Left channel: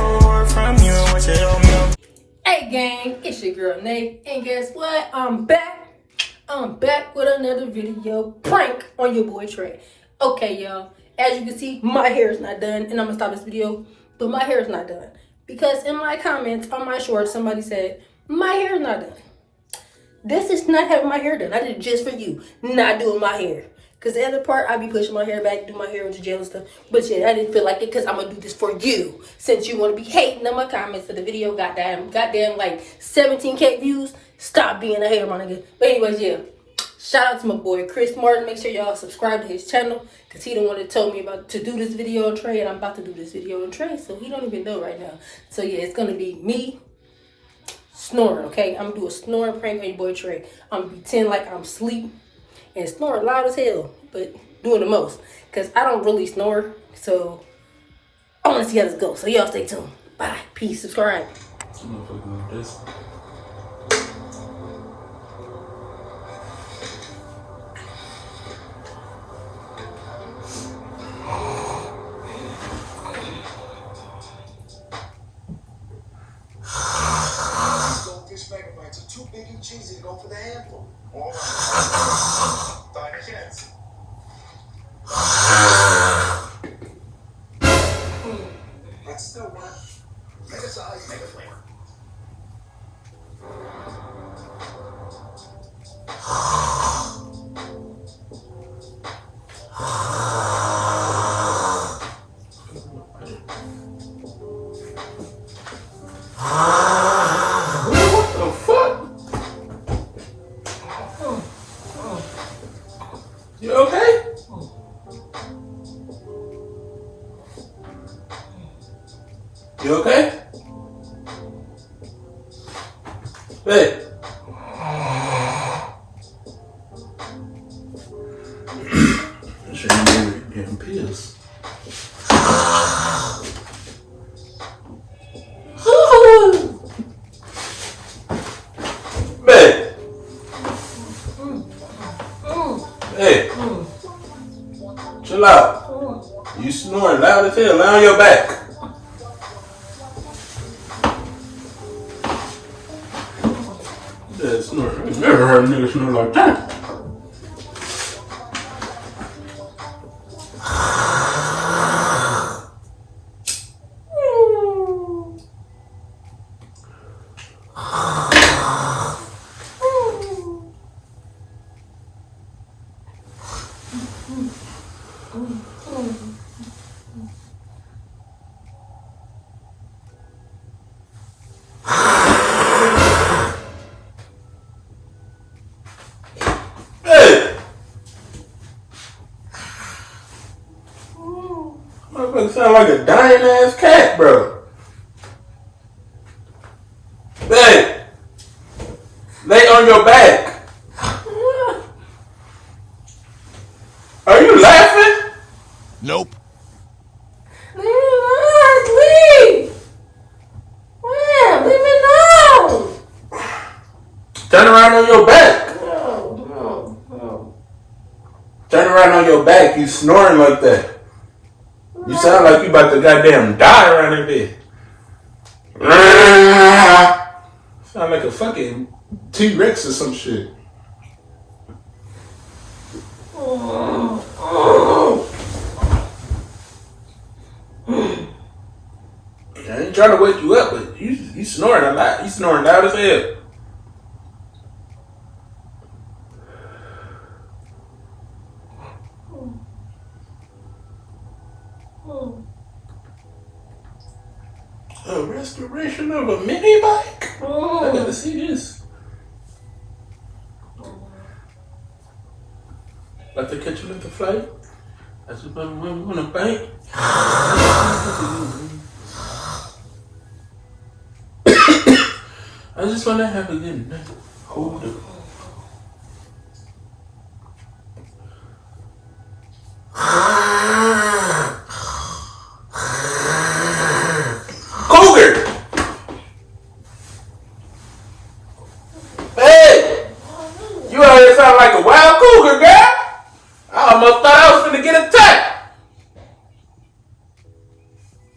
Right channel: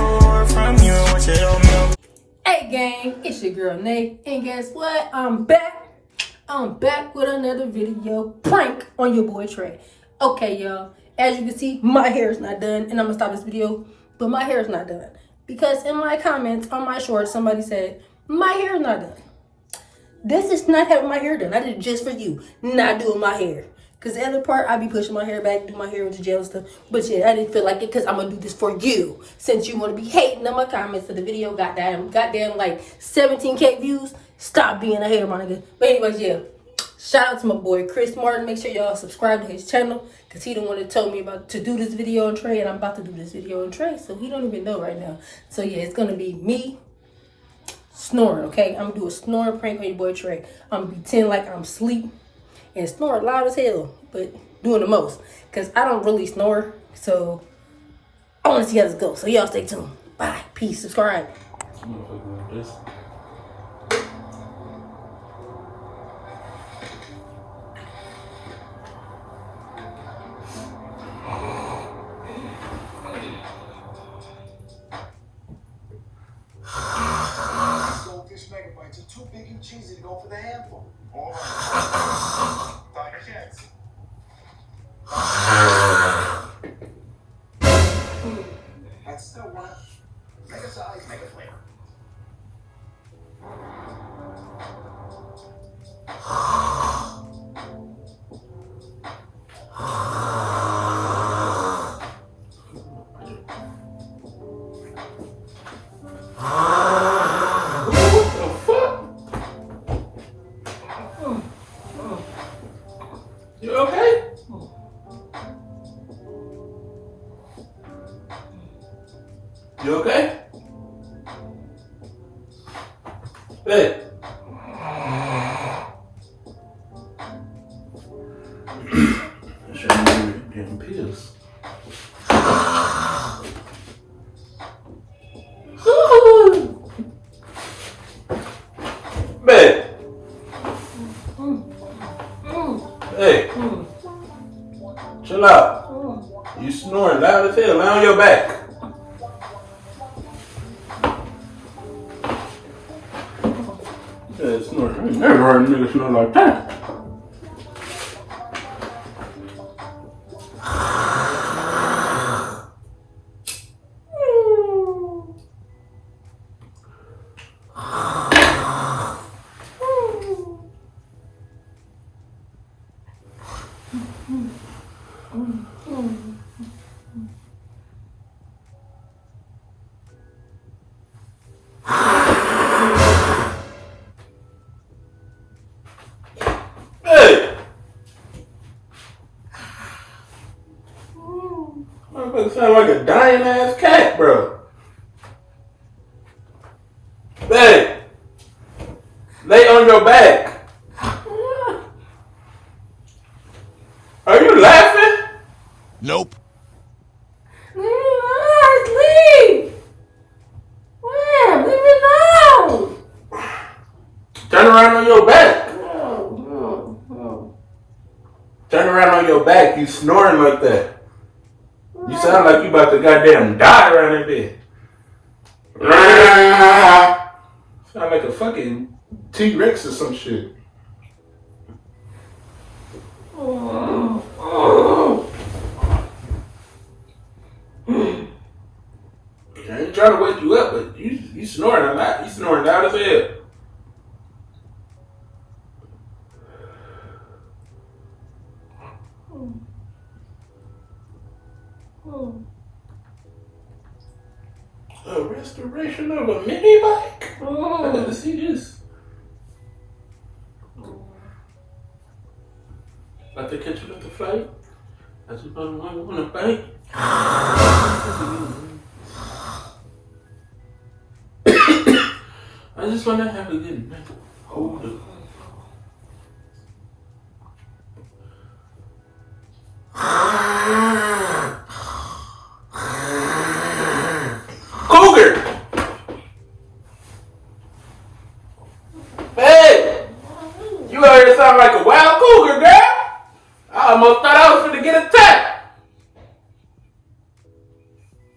for from you. What you don't know. Hey gang, it's your girl Nate, and guess what? I'm back with another video prank on your boy Trey. Okay, y'all, as you can see, my hair is not done, and I'm gonna stop this video, but my hair is not done because in my comments on my shorts, somebody said my hair is not done. This is not having my hair done. I did it just for you, not doing my hair. Because the other part, I be pushing my hair back, do my hair into gel and stuff. But yeah, I didn't feel like it because I'm going to do this for you. Since you want to be hating on my comments for the video, goddamn like 17K views. Stop being a hater, my nigga. But anyways, yeah. Shout out to my boy Chris Martin. Make sure y'all subscribe to his channel. Because he the one that told me about to do this video on Trey. And I'm about to do this video on Trey. So he don't even know right now. So yeah, it's going to be me snoring, okay? I'm going to do a snoring prank on your boy Trey. I'm going to pretend like I'm asleep and snore loud as hell, but doing the most. Because I don't really snore, so I want to see how this goes. So y'all stay tuned. Bye. Peace. Subscribe. Too big and cheesy to go for the handful. All right. Find a chance. That's still one. Make a size, make a flavor. You okay? You okay? Hey. I'm sure you were getting pissed. Babe. Hey, chill out. You snoring loud as hell. Lay on your back. Yeah, snoring. I never heard a nigga snore like that. Hey! Motherfucker sound like a dying ass cat, bro. Hey! Lay on your back. Are you laughing? Nope. Leave me alone. Leave. Man, leave me alone. Turn around on your back. No. Turn around on your back. You snoring like that. You sound like you about to goddamn die around in there. Sound like a fucking T-Rex or some shit. I ain't trying to wake you up, but you snoring a lot. You snoring loud as hell. A restoration of a mini bike? I gotta see this. About to catch you at the flight? I just want to bike. I just want to have a good night. Hold up. Cougar! Hey! You out here sound like a wild cougar, girl! I almost thought I was finna get attacked.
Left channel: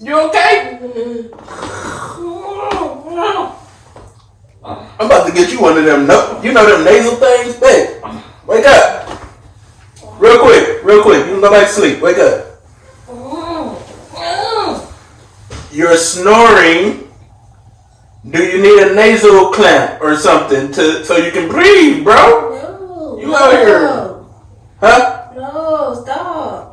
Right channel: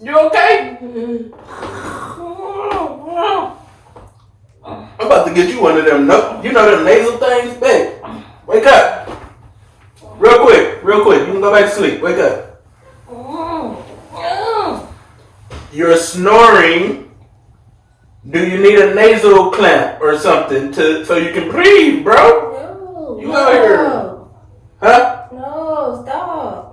You okay? I'm about to get you one of them, you know them nasal things? Babe, wake up. Real quick. You can go back to sleep. Wake up. You're snoring. Do you need a nasal clamp or something so you can breathe, bro? No. You out here. Huh? No, stop.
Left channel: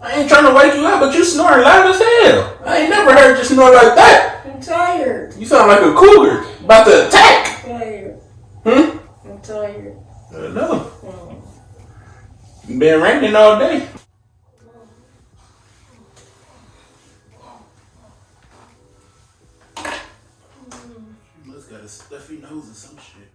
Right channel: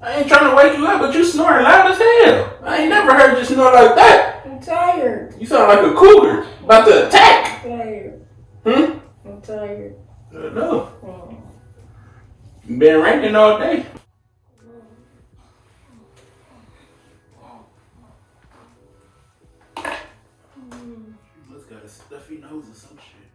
I ain't trying to wake you up, but you snoring loud as hell. I ain't never heard you snore like that. I'm tired. You sound like a cougar about to attack. I'm tired. Hmm? I'm tired. I know. Been raining all day. You must got a stuffy nose or some shit.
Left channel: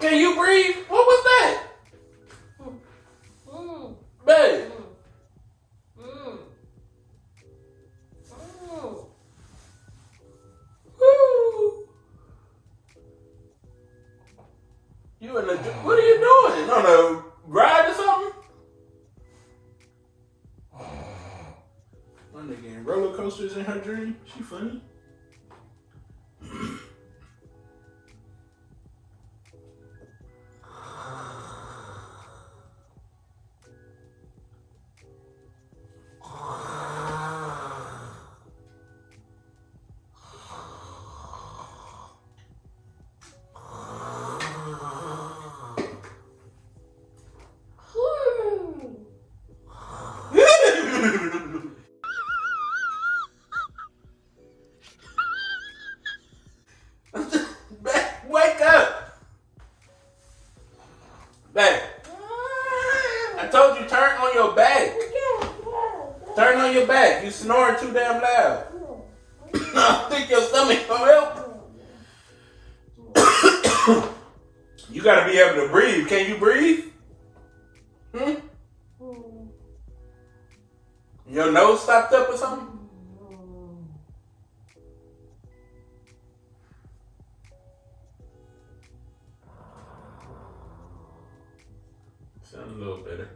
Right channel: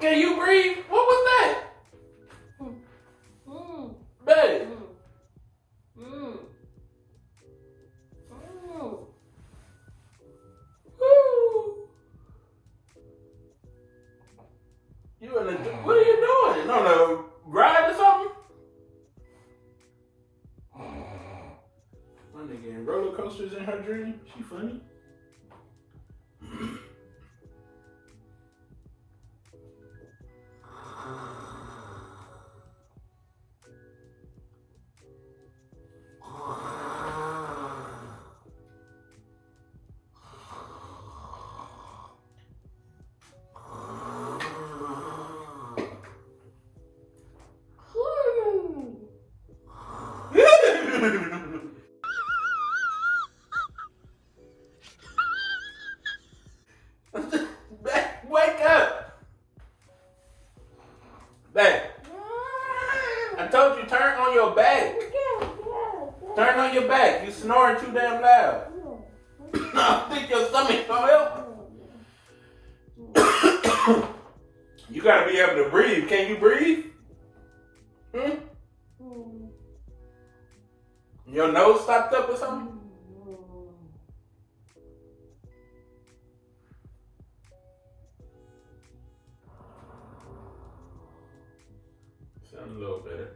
Can you breathe? What was that? Babe. Woo. You in the what are you doing? On a ride or something? My nigga in roller coasters in her dream. She funny. Wake up! Babe. I told you turn on your back. Turn on your back. You snoring too damn loud. I think your stomach gonna help. You gotta be able to breathe. Can you breathe? Hmm? Your nose stopped up or something? Sound a little better.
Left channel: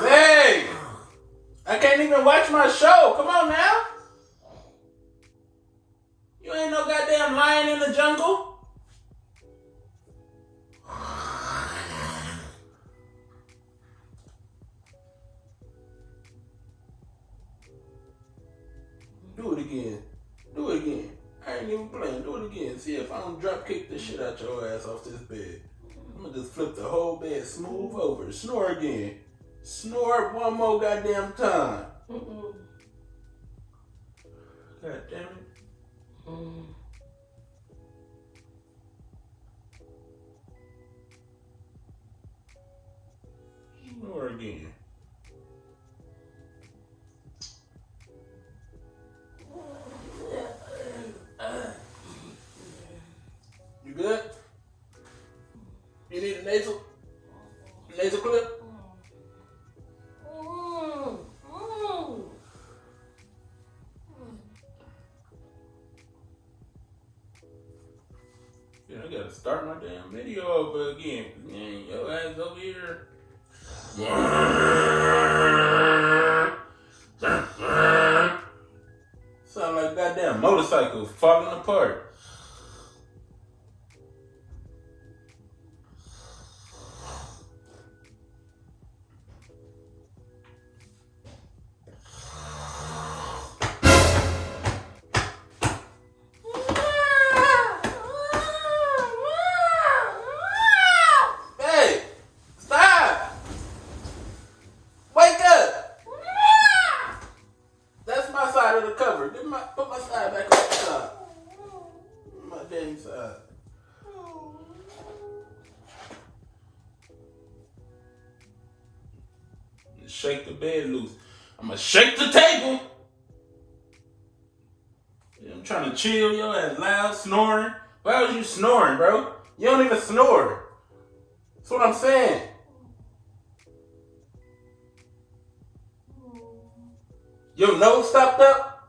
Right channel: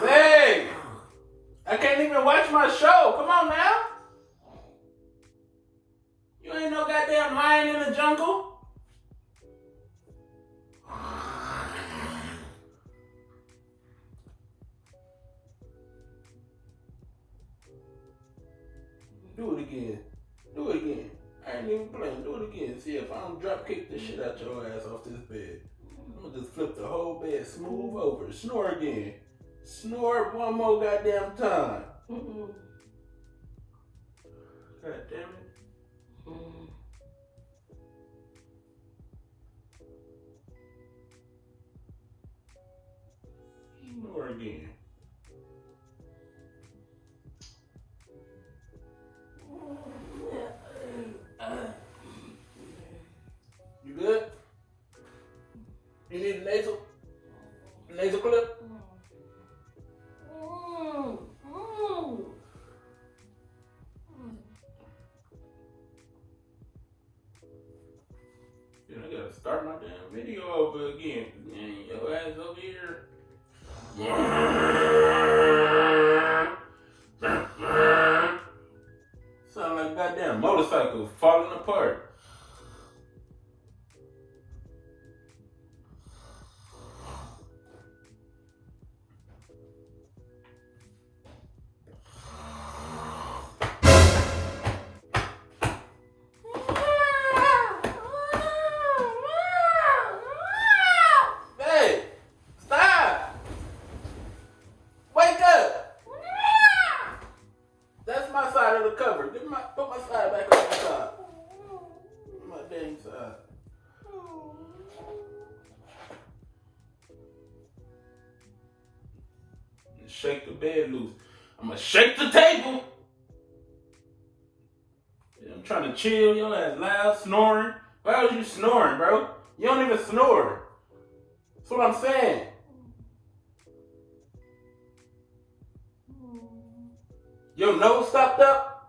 Hey! I can't even watch my show. Come on now. You ain't no goddamn lion in the jungle. Do it again. Do it again. I ain't even playing. Do it again. See if I don't drop kick the shit out your ass off this bed. I'm gonna just flip the whole bed smooth over. Snore again. Snore one more goddamn time. God damn it. Snore again. You good? You need a nasal clip? I gotta start my damn video over again. Man, your ass over here. Sound like a goddamn motorcycle falling apart. Hey, stop! Wake up! That's my side of the cover. Put my side back on the side. My damn side. Shake the bed loose. I'm gonna shake the table. I'm trying to chill, yo, ass loud, snoring. Why was you snoring, bro? You don't even snore. That's what I'm saying. Your nose stopped up?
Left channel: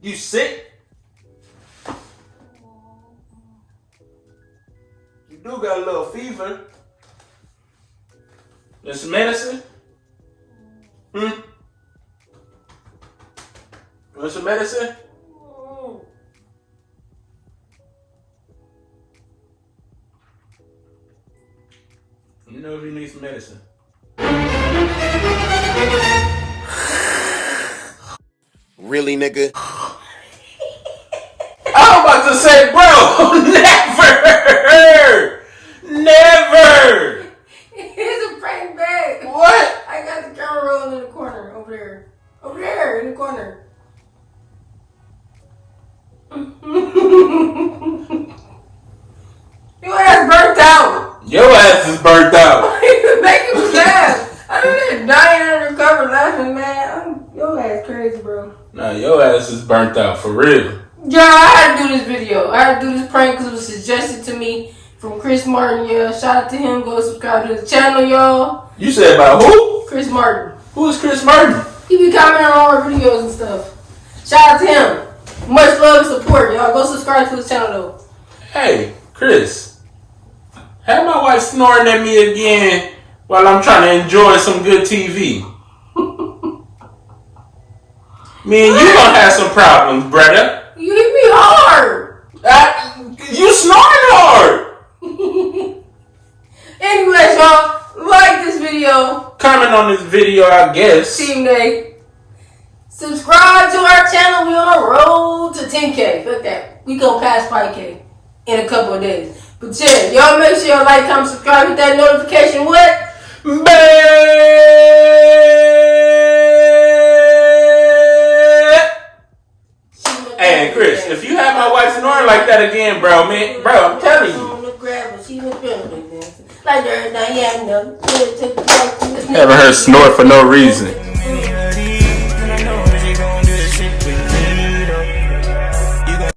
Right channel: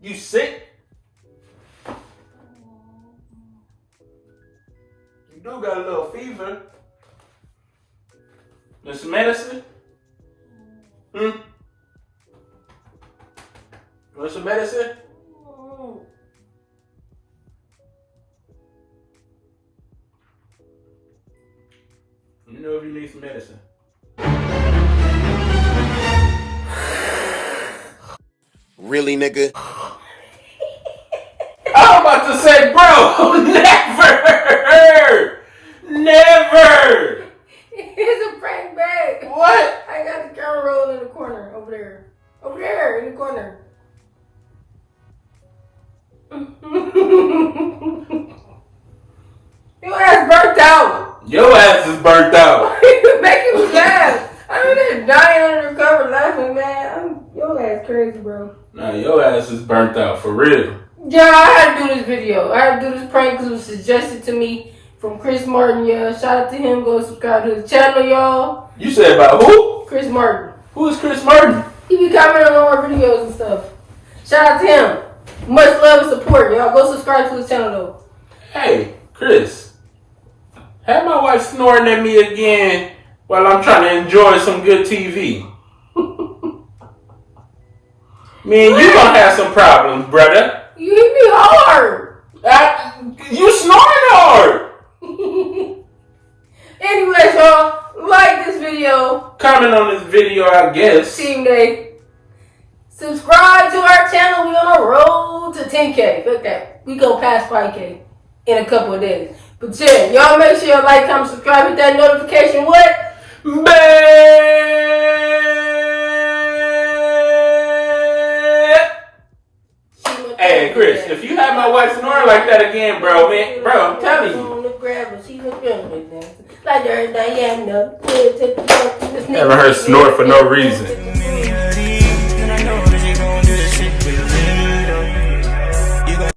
You sick? You do got a little fever. There's some medicine? Hmm? Want some medicine? You know if you need some medicine. Really, nigga? I'm about to say, bro, never! Never! It's a prank bag. What? I got the camera roll in the corner over there. Over there in the corner. Your ass burnt out. Your ass is burnt out. Why are you making me laugh? I'm in there dying and recover laughing, man. Your ass crazy, bro. Nah, your ass is burnt out, for real. Yeah, I had to do this video. I had to do this prank because it was suggested to me from Chris Martin, yeah. Shout out to him. Go subscribe to his channel, y'all. You said about who? Chris Martin. Who is Chris Martin? He be commenting on all our videos and stuff. Shout out to him. Much love and support, y'all. Go subscribe to his channel, though. Hey, Chris. Have my wife snoring at me again while I'm trying to enjoy some good TV. Me and you gonna have some problems, brother. You hit me hard. You snoring hard. Anyways, y'all, like this video. Comment on this video, I guess. Team Day. Subscribe to our channel. We on a road to 10K. Look that. We go past 5K in a couple of days. But yeah, y'all make sure you like, comment, subscribe, hit that notification. What? Hey, Chris, if you have my wife snoring like that again, bro, man, bro, I'm telling you. Like Never heard snore for no reason.